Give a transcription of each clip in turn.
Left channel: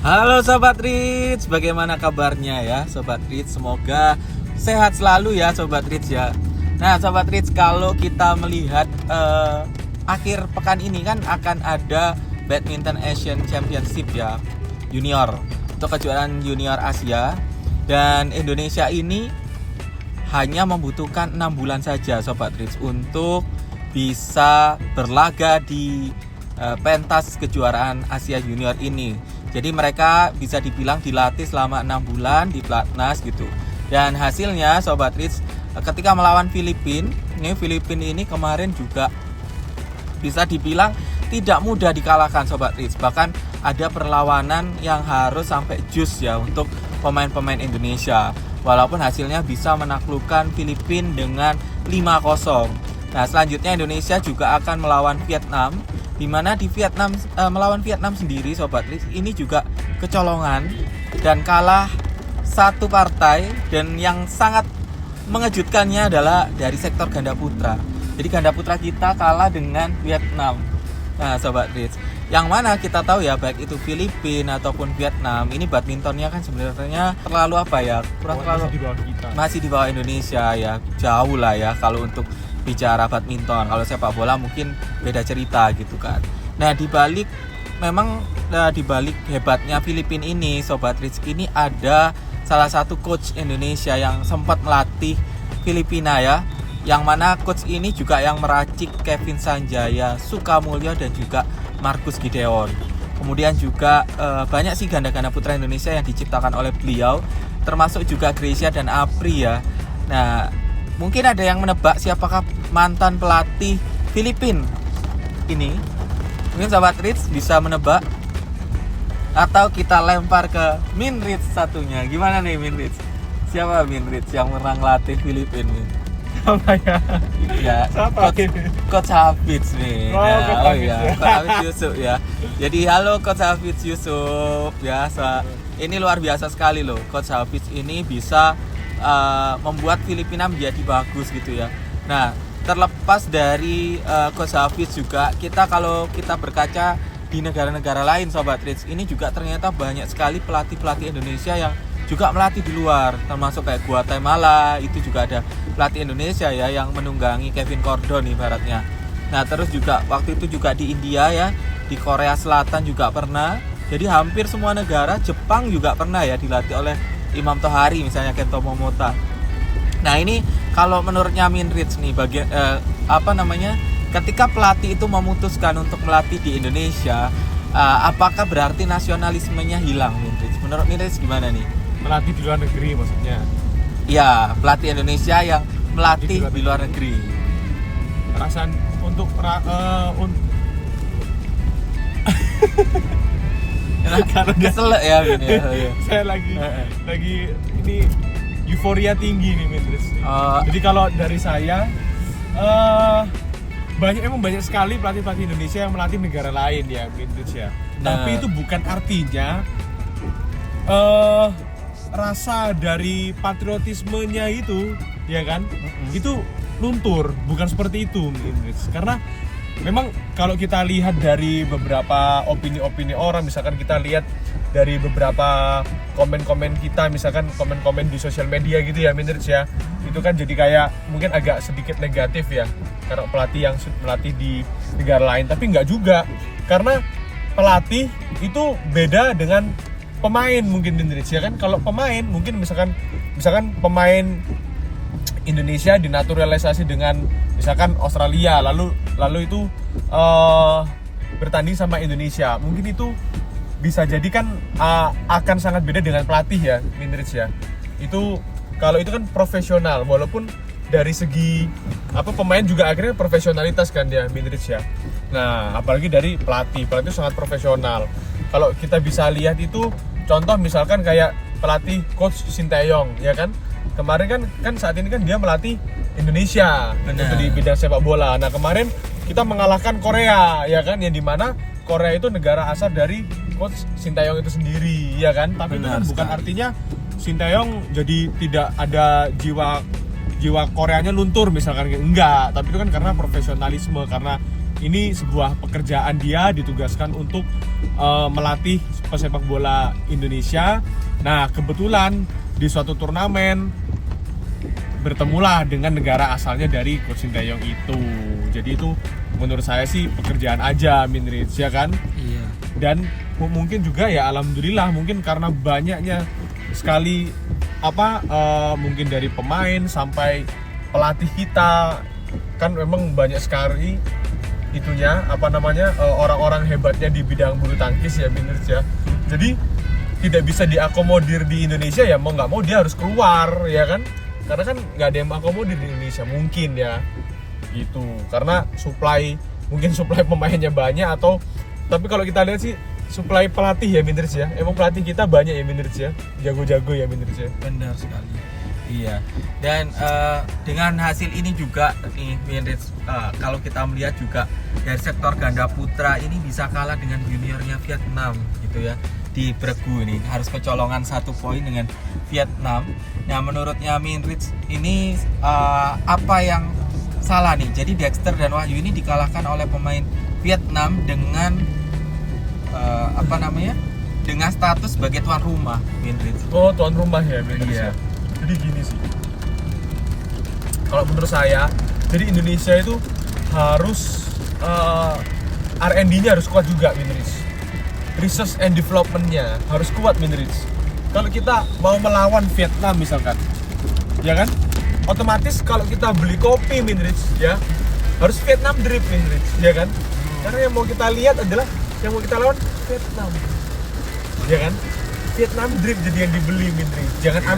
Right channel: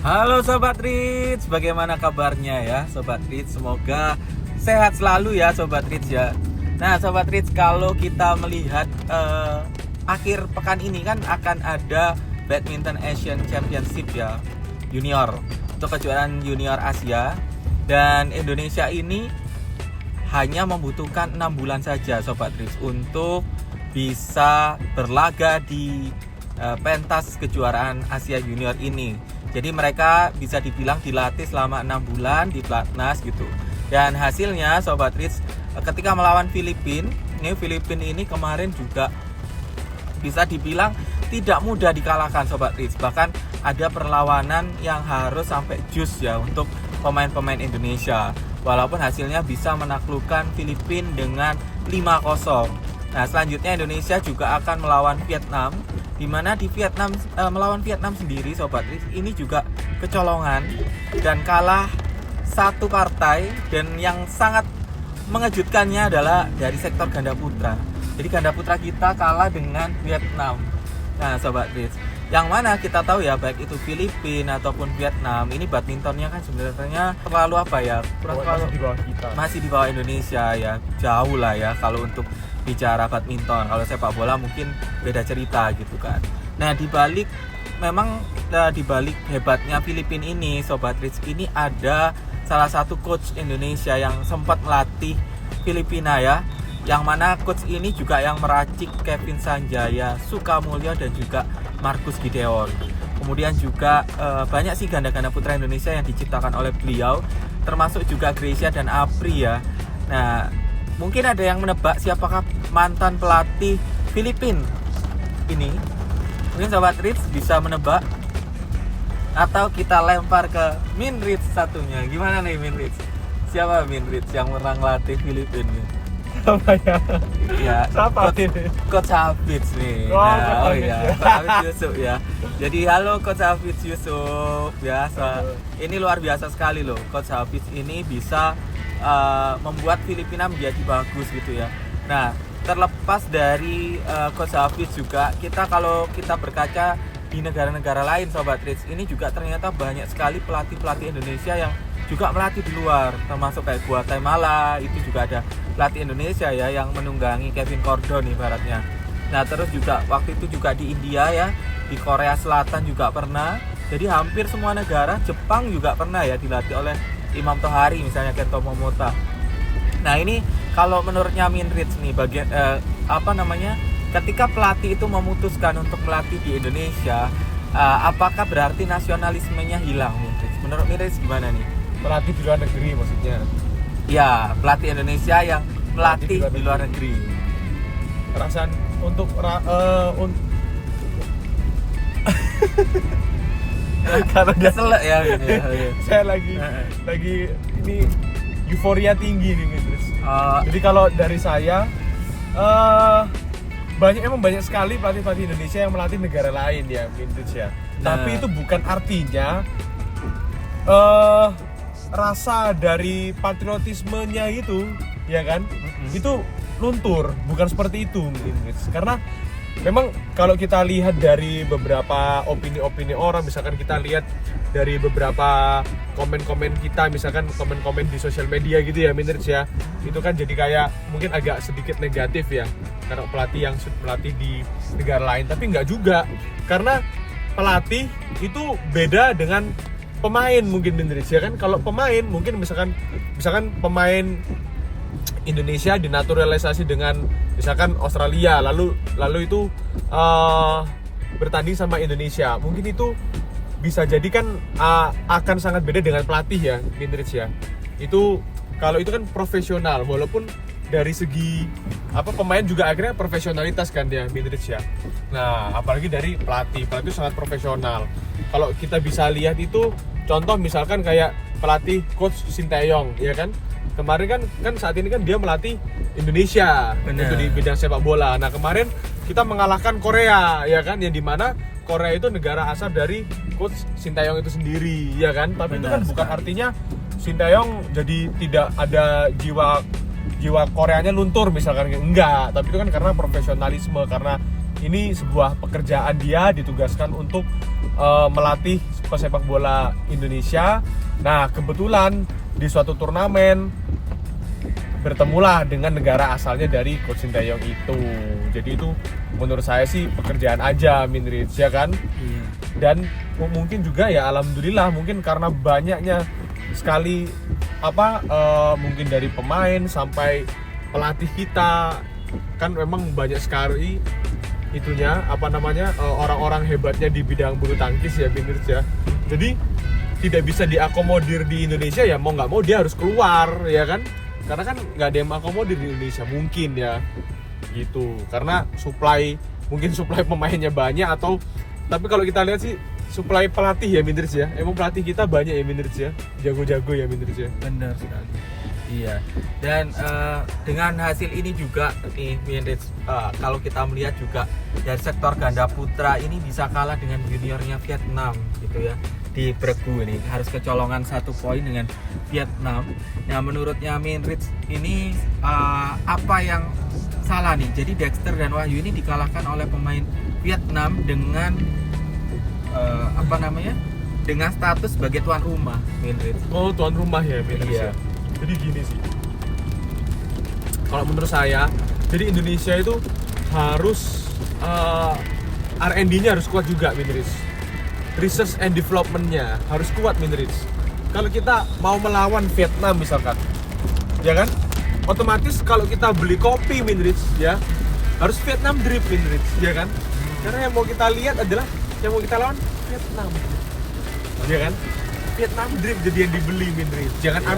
Halo Sobat Rich, bagaimana kabarnya ya Sobat Rich? Semoga sehat selalu ya Sobat Rich ya. Nah Sobat Rich, kalau kita melihat akhir pekan ini kan akan ada Badminton Asian Championship ya, junior, untuk kejuaraan junior Asia. Dan Indonesia ini hanya membutuhkan 6 bulan saja Sobat Rich untuk bisa berlaga di pentas kejuaraan Asia Junior ini. Jadi mereka bisa dibilang dilatih selama 6 bulan di pelatnas gitu. Dan hasilnya Sobat Rich, ketika melawan Filipina ini kemarin juga bisa dibilang tidak mudah dikalahkan Sobat Rich. Bahkan ada perlawanan yang harus sampai jus ya untuk pemain-pemain Indonesia. Walaupun hasilnya bisa menaklukkan Filipina dengan 5-0. Nah selanjutnya Indonesia juga akan melawan Vietnam, di mana di Vietnam melawan Vietnam sendiri Sobat Rich ini juga kecolongan dan kalah satu partai. Dan yang sangat mengejutkannya adalah dari sektor ganda putra. Jadi ganda putra kita kalah dengan Vietnam. Nah Sobat Rich, yang mana kita tahu ya baik itu Filipina ataupun Vietnam, ini badmintonnya kan sebenarnya terlalu masih di bawah Indonesia ya, jauh lah ya kalau untuk bicara badminton. Kalau sepak bola mungkin beda cerita gitu kan. Nah di balik hebatnya Filipina ini Sobat Rich, ini ada salah satu coach Indonesia yang sempat melatih Filipina ya, yang mana coach ini juga yang meracik Kevin Sanjaya, Sukamulyo dan juga Marcus Gideon. Kemudian juga banyak sih ganda-ganda putra Indonesia yang diciptakan oleh beliau, termasuk juga Gracia dan Apri ya. Nah mungkin ada yang menebak siapakah mantan pelatih Filipina ini. Mungkin Sobat Rich bisa menebak, atau kita lempar ke Min Rich satunya. Gimana nih Min Rich? Siapa Min Rich yang pernah ngelatih Filipina nih? Apa ya? Ya, Siapa Coach Hafiz nih. Oh Ya, Coach Hafiz Yusuf ya. Jadi halo Coach Hafiz Yusuf ya. Ini luar biasa sekali loh. Coach Hafiz ini bisa membuat Filipina menjadi bagus gitu ya. Nah, terlepas dari Coach Hafiz juga, kalau kita berkaca di negara-negara lain Sobat Rich, ini juga ternyata banyak sekali pelatih-pelatih Indonesia yang juga melatih di luar, termasuk kayak Guatemala, itu juga ada pelatih Indonesia ya yang menunggangi Kevin Cordon ibaratnya. Nah terus juga waktu itu juga di India ya, di Korea Selatan juga pernah. Jadi hampir semua negara, Jepang juga pernah ya dilatih oleh Imam Tohari misalnya, Kento Momota. Nah ini kalau menurutnya Min Rich nih, ketika pelatih itu memutuskan untuk melatih di Indonesia, apakah berarti nasionalismenya hilang Min Rich? Menurut Min Rich gimana nih? Melatih di luar negeri maksudnya? Ya, pelatih Indonesia yang melatih di luar negeri. Perasaan untuk karena kesel ya gini ya. Saya lagi ini euforia tinggi nih Mindris. Jadi kalau dari saya banyak sekali pelatih Indonesia yang melatih negara lain ya Mindris ya. Tapi itu bukan artinya rasa dari patriotismenya itu ya kan, itu luntur, bukan seperti itu Mindris. Karena memang kalau kita lihat dari beberapa opini-opini orang, misalkan kita lihat dari beberapa komen-komen kita, misalkan komen-komen di sosial media gitu ya Mindris ya, itu kan jadi kayak mungkin agak sedikit negatif ya karena pelatih yang melatih di negara lain. Tapi nggak juga, karena pelatih itu beda dengan pemain mungkin Mindris ya kan. Kalau pemain mungkin misalkan pemain Indonesia dinaturalisasi dengan misalkan Australia, lalu itu bertanding sama Indonesia, mungkin itu bisa jadi kan akan sangat beda dengan pelatih ya Mindris ya. Itu kalau itu kan profesional, walaupun dari segi pemain juga akhirnya profesionalitas kan dia Mindris ya. Nah apalagi dari pelatih sangat profesional. Kalau kita bisa lihat itu contoh misalkan kayak pelatih coach Sinteyong ya kan, kemarin kan saat ini kan dia melatih Indonesia untuk di bidang sepak bola. Nah kemarin kita mengalahkan Korea ya kan, yang dimana Korea itu negara asal dari coach Sinteyong itu sendiri ya kan. Tapi itu kan bukan artinya Sinteyong jadi tidak ada jiwa Koreanya luntur misalkan, enggak. Tapi itu kan karena profesionalisme, karena ini sebuah pekerjaan, dia ditugaskan untuk melatih pesepak bola Indonesia. Nah, kebetulan di suatu turnamen bertemulah dengan negara asalnya dari Coach Sinteyong itu. Jadi itu menurut saya sih pekerjaan aja Minrich, ya kan? Iya. Dan mungkin juga ya alhamdulillah mungkin karena banyaknya sekali mungkin dari pemain sampai pelatih kita kan memang banyak sekali itunya orang-orang hebatnya di bidang bulu tangkis ya Minrich ya. Jadi tidak bisa diakomodir di Indonesia, ya mau nggak mau dia harus keluar, ya kan? Karena kan nggak ada yang akomodir di Indonesia mungkin ya gitu, karena mungkin supply pemainnya banyak, tapi kalau kita lihat sih supply pelatih ya Minrich ya, emang pelatih kita banyak ya Minrich ya, jago-jago ya Minrich ya. Benar sekali. Iya. Dan dengan hasil ini juga nih Minrich, kalau kita melihat juga dari sektor ganda putra ini bisa kalah dengan juniornya Vietnam gitu ya. Di Bregu ini harus kecolongan 1 poin dengan Vietnam. Nah, menurutnya Minrich ini apa yang salah nih? Jadi Dexter dan Wahyu ini dikalahkan oleh pemain Vietnam dengan dengan status sebagai tuan rumah Minrich. Oh, tuan rumah ya Minrich ya. Jadi gini sih, kalau menurut saya, jadi Indonesia itu harus R&D-nya harus kuat juga Minrich. Research and development-nya harus kuat Minrich. Kalau kita mau melawan Vietnam misalkan, ya kan? Otomatis kalau kita beli kopi Minrich ya, harus Vietnam drip Minrich, ya kan? Karena yang mau kita lihat adalah yang mau kita lawan Vietnam, ya kan? Vietnam drip jadi yang dibeli Minrich, jangan Ya.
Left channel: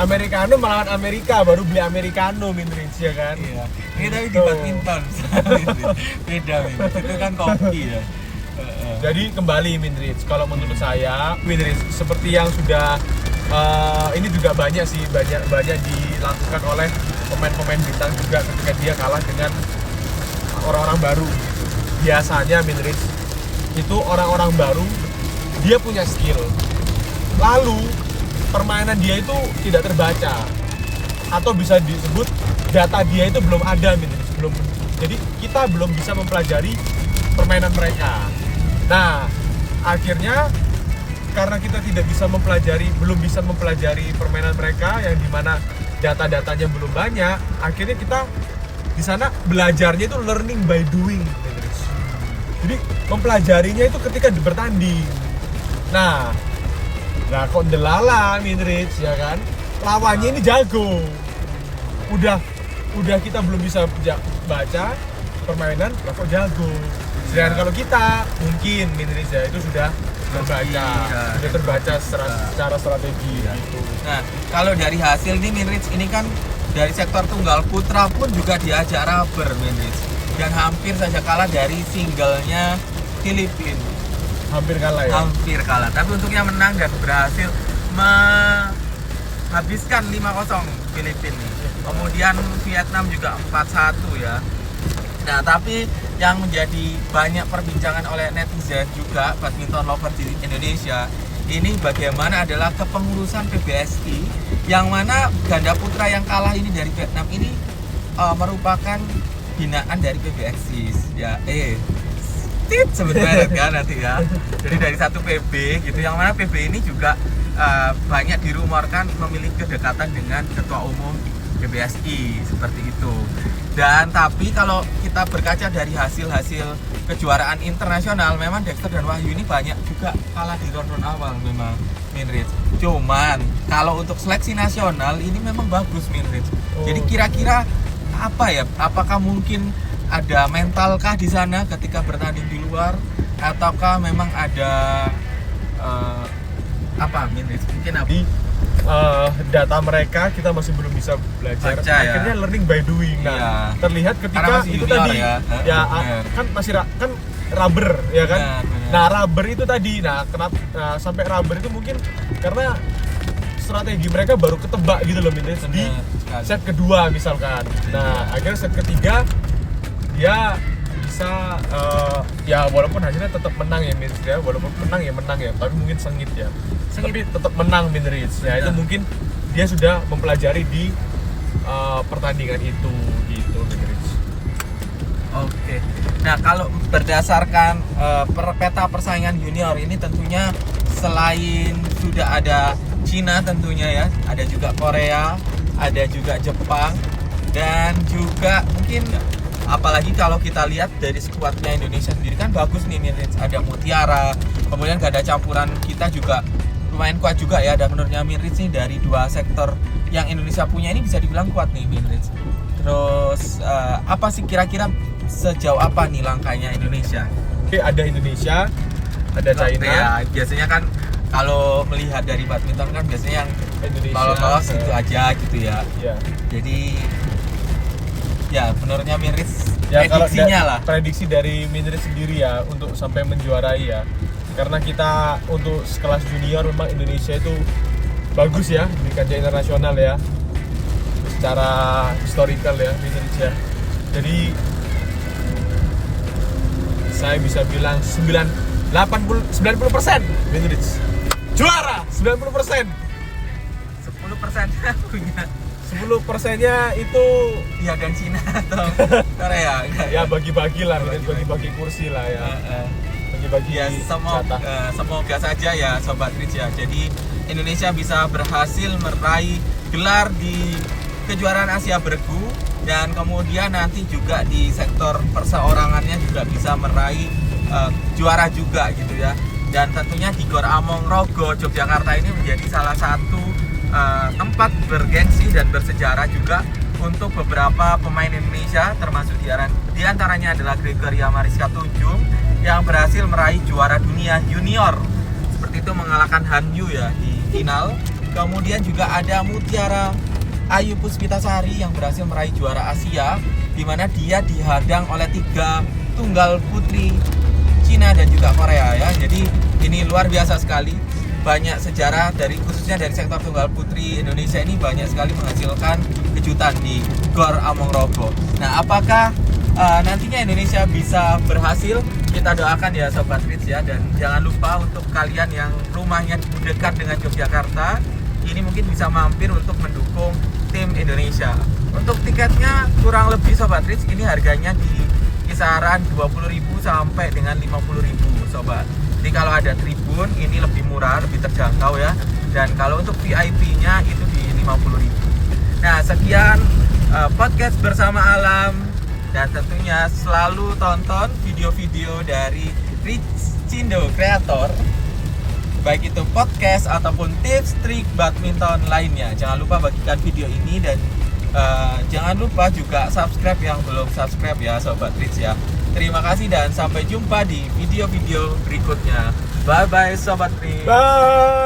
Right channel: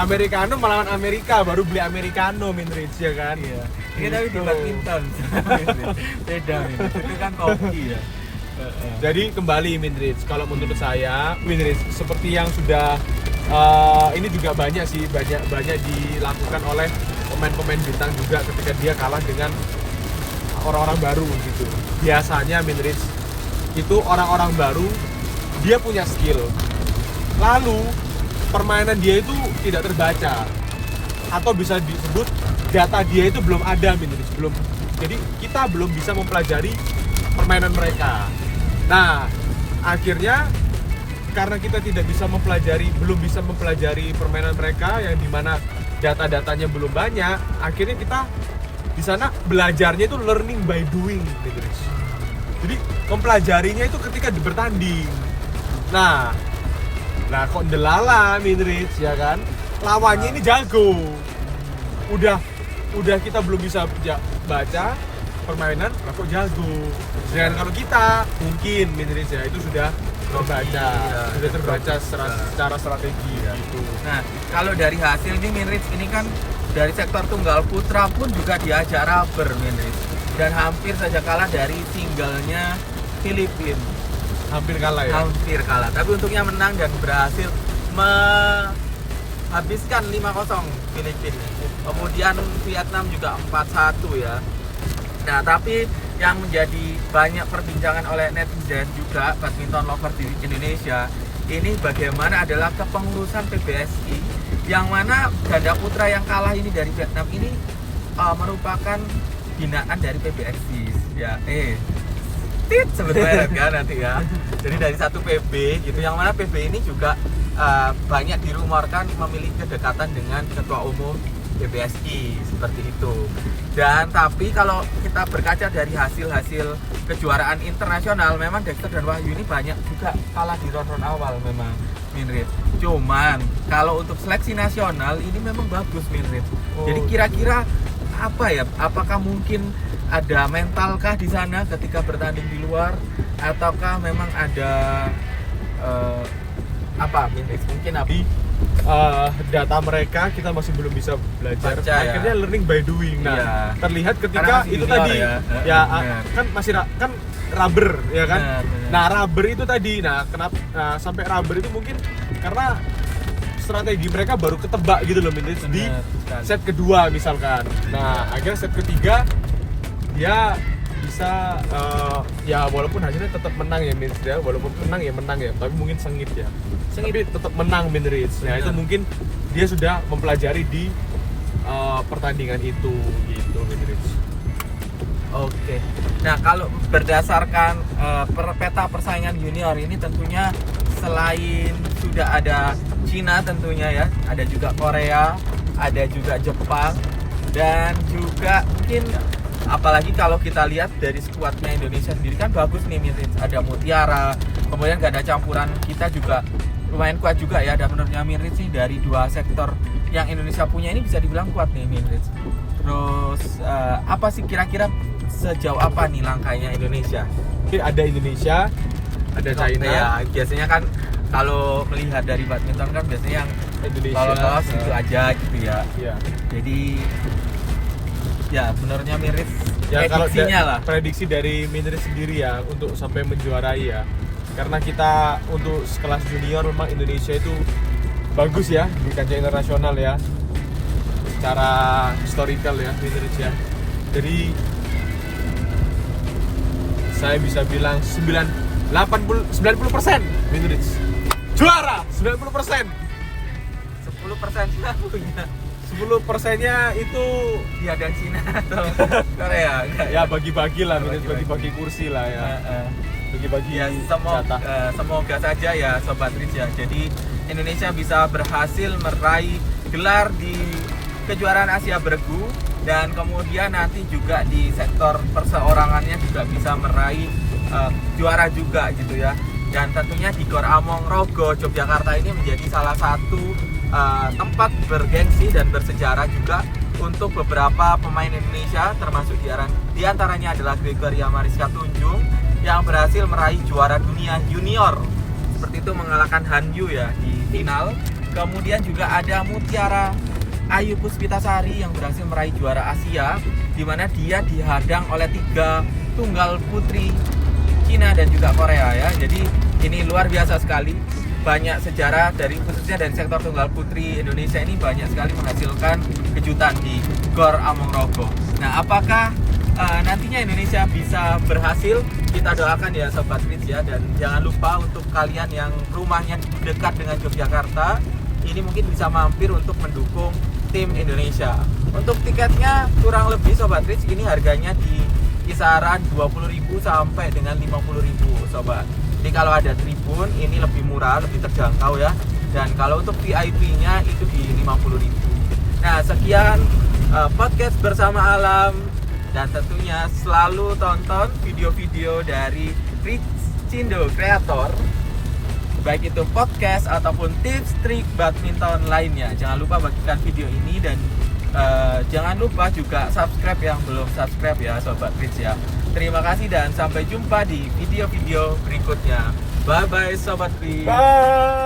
Americano melawan Amerika baru beli Americano Minrich, ya kan? Iya. Ini tapi di Gitu. badminton. Beda Minrich. Itu kan kopi ya. Jadi kembali Minrich, kalau menurut saya Minrich seperti yang sudah ini juga banyak dilakukan oleh pemain-pemain bintang juga ketika dia kalah dengan orang-orang baru gitu. Biasanya Minrich itu orang-orang baru dia punya skill, lalu permainan dia itu tidak terbaca atau bisa disebut data dia itu belum ada Minrich, belum. Jadi kita belum bisa mempelajari permainan mereka. Nah, akhirnya karena kita belum bisa mempelajari permainan mereka yang dimana data-datanya belum banyak, akhirnya kita di sana belajarnya itu learning by doing, Minrich. Jadi mempelajarinya itu ketika bertanding. Nah kok ndelala Minrich, ya kan? Lawannya ini jago. Udah kita belum bisa baca permainan, lah kok jago. Sedangkan kalau kita mungkin Minrich ya itu sudah terbaca secara strategi gitu. Nah, kalau dari hasil ini Minrich ini kan dari sektor tunggal putra pun juga diajak rubber Minrich, dan hampir saja kalah dari singlenya Filipina. Hampir kalah ya. Hampir kalah, tapi untungnya menang dan berhasil menghabiskan 5-0 Filipina. Kemudian Vietnam juga 4-1 ya. Nah, tapi yang menjadi banyak perbincangan oleh netizen juga badminton lover di Indonesia ini bagaimana adalah kepengurusan PBSI, yang mana ganda putra yang kalah ini dari Vietnam ini merupakan binaan dari PBSI ya. Sebut merek kan nanti ya. Jadi dari satu PB gitu, yang mana PB ini juga banyak dirumorkan memiliki kedekatan dengan ketua umum PBSI seperti itu. Dan tapi kalau kita berkaca dari hasil-hasil kejuaraan internasional, memang Dexter dan Wahyu ini banyak juga kalah di ronde awal memang Minrich. Cuman kalau untuk seleksi nasional ini memang bagus Minrich. Jadi kira-kira apakah mungkin ada mentalkah di sana ketika bertanding di luar, ataukah memang ada Minrich? Mungkin data mereka kita masih belum bisa belajar. Baca, ya. Akhirnya learning by doing. Nah, Iya. terlihat ketika itu junior, tadi kan masih kan rubber ya kan. Benar. Nah, rubber itu tadi. Nah, kenapa sampai rubber itu mungkin karena strategi mereka baru ketebak gitu loh Minrich di set kedua misalkan. Nah, akhirnya set ketiga dia bisa ya walaupun hasilnya tetap menang ya Minrich ya, walaupun menang ya, tapi mungkin sengit ya. Tapi tetap menang Minrich. Ya itu mungkin dia sudah mempelajari di pertandingan itu gitu Minrich. Oke. Nah, kalau berdasarkan peta persaingan junior ini tentunya selain sudah ada Cina tentunya ya, ada juga Korea, ada juga Jepang, dan juga mungkin apalagi kalau kita lihat dari skuadnya Indonesia sendiri kan bagus nih Mirits, ada Mutiara, kemudian gak ada campuran kita juga lumayan kuat juga ya. Dan menurutnya Mirits nih dari dua sektor yang Indonesia punya ini bisa dibilang kuat nih Mirits. Terus apa sih kira-kira sejauh apa nih langkahnya Indonesia? Oke, ada Indonesia, ada China. Ya, biasanya kan kalau melihat dari badminton kan biasanya yang Indonesia lolos itu aja gitu ya. Ya. Jadi ya menurutnya Mirits Ya kalau prediksinya lah. prediksi dari Mindrit sendiri ya untuk sampai menjuarai ya. Karena kita untuk kelas junior memang Indonesia itu bagus ya di kancah internasional ya. Secara historical ya Mindrit ya. Jadi saya bisa bilang 90% Mindrit juara 90%. 10% punya 10%-nya itu ya dan Cina atau Korea enggak? ya bagi-bagi lah, bagi-bagi kursi lah ya, bagi-bagi Ya jatah. semoga saja ya Sobat Rich ya. Jadi Indonesia bisa berhasil meraih gelar di kejuaraan Asia Bergu, dan kemudian nanti juga di sektor perseorangannya juga bisa meraih juara juga gitu ya. Dan tentunya di Gor Among Rogo Yogyakarta ini menjadi salah satu tempat bergengsi dan bersejarah juga untuk beberapa pemain Indonesia, termasuk di antaranya adalah Gregoria Mariska Tunjung yang berhasil meraih juara dunia junior, seperti itu mengalahkan Han Yu ya di final. Kemudian juga ada Mutiara Ayu Puspitasari yang berhasil meraih juara Asia, di mana dia dihadang oleh 3 tunggal putri Cina dan juga Korea ya. Jadi ini luar biasa sekali. Banyak sejarah khususnya dari sektor tunggal putri Indonesia ini banyak sekali menghasilkan kejutan di Gor Among Rogo. Nah, apakah nantinya Indonesia bisa berhasil? Kita doakan ya Sobat Rich ya. Dan jangan lupa untuk kalian yang rumahnya dekat dengan Yogyakarta, ini mungkin bisa mampir untuk mendukung tim Indonesia. Untuk tiketnya kurang lebih Sobat Rich ini harganya di kisaran 20.000 sampai dengan 50.000 Sobat. Jadi kalau ada tribun ini lebih murah, lebih terjangkau ya. Dan kalau untuk VIP-nya itu di 50.000. Nah, sekian podcast bersama alam, dan tentunya selalu tonton video-video dari Rich Cindo Creator, baik itu podcast ataupun tips trik badminton lainnya. Jangan lupa bagikan video ini, dan jangan lupa juga subscribe yang belum subscribe ya Sobat Rich ya. Terima kasih dan sampai jumpa di video-video berikutnya. Bye bye Sobat Rich. Bye.